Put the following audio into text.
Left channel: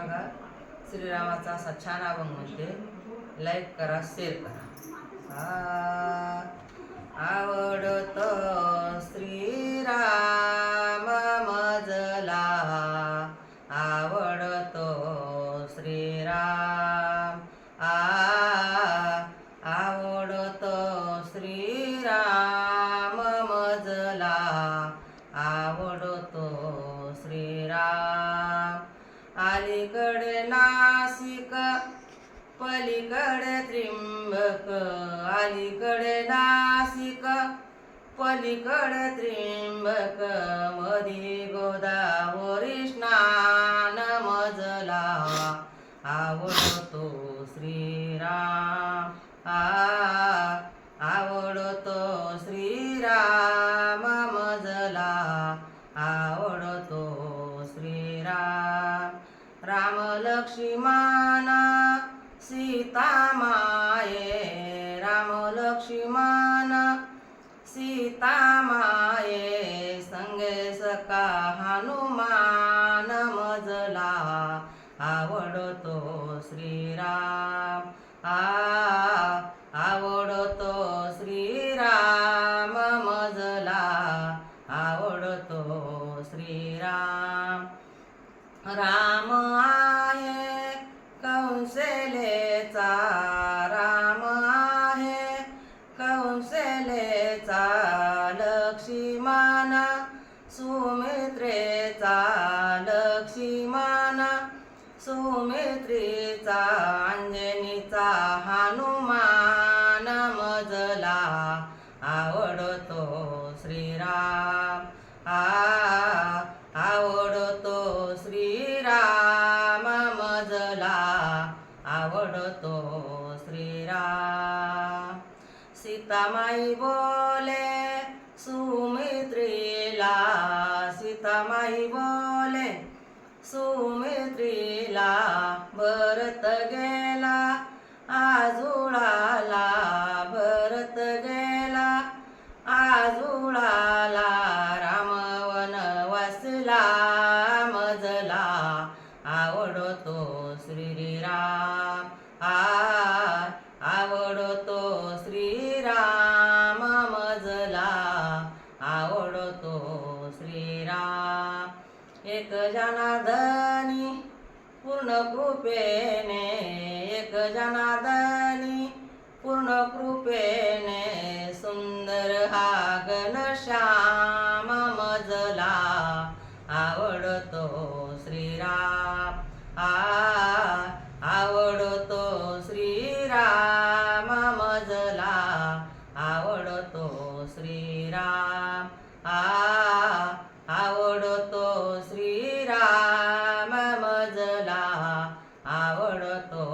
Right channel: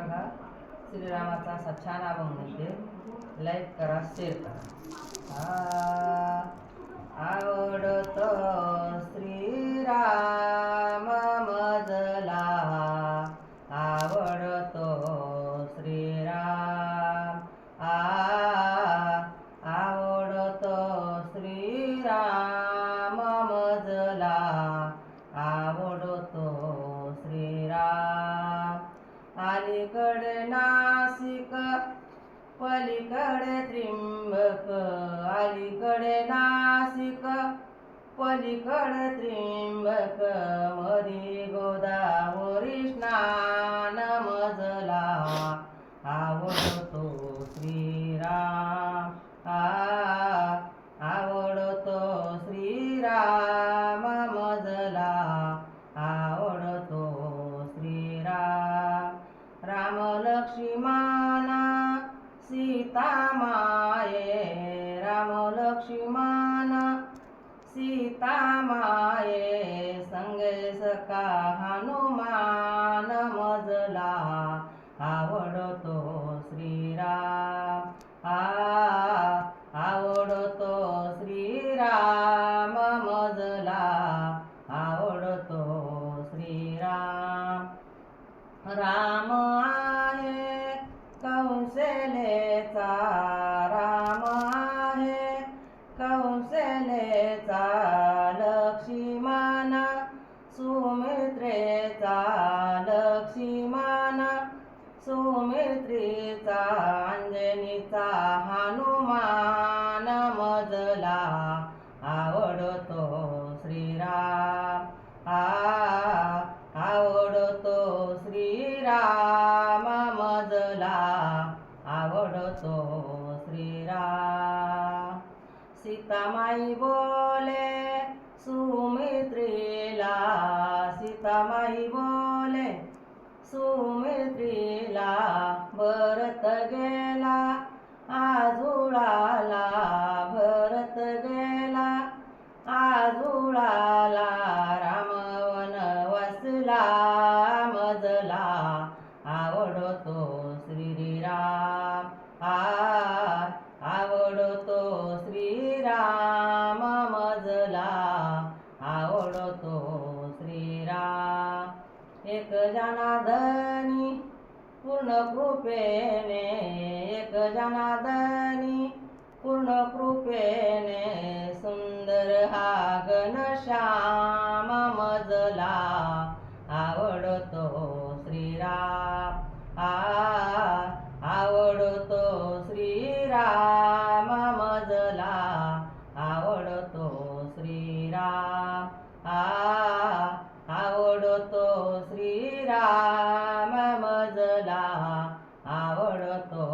बघा श्रीरामाचा असा छान अभंग म्हणते. लाईक करा, शेअर करा. आवडतो श्रीराम मजला, आवडतो श्रीराम. आवडतो श्रीराम मजला, आवडतो श्रीराम. अलीकडे नासिक पलीकडे त्रिंबक, अलीकडे नासिक पलीकडे त्रिंबक, मधी गोदावरी स्नान मजला, आवडतो श्रीराम. आवडतो श्रीराम मजला, आवडतो श्रीराम. राम लक्ष्मण सीता माये, राम लक्ष्मण सीता माये, संगे सखा हनुमान मजला, आवडतो श्रीराम. आवडतो श्रीराम मजला, आवडतो श्रीराम. राम आहे कौशलेचा, राम आहे कौशलेचा, लक्ष्मण सुमित्रेचा, लक्ष्मण सुमित्रेचा, अंजनीचा हनुमान मजला, आवडतो श्रीराम. आवडतो श्रीराम मजला, आवडतो श्रीराम. सीतामाई बोले सुमित्रेला, सीतामाई बोले सुमित्रेला, भरत गेला आजुळाला, भरत गेला आजुळाला, राम वनवासला मजला, आवडतो श्रीराम. आवडतो श्रीराम मजला, आवडतो श्रीराम. एक जनार्दनी पूर्ण कृपेने, एक जनार्दनी पूर्ण कृपेने, सुंदर हा घनश्याम मजला, आवडतो श्रीराम. आवडतो श्रीराम मजला, आवडतो श्रीराम. आवडतो श्रीराम मजला, आवडतो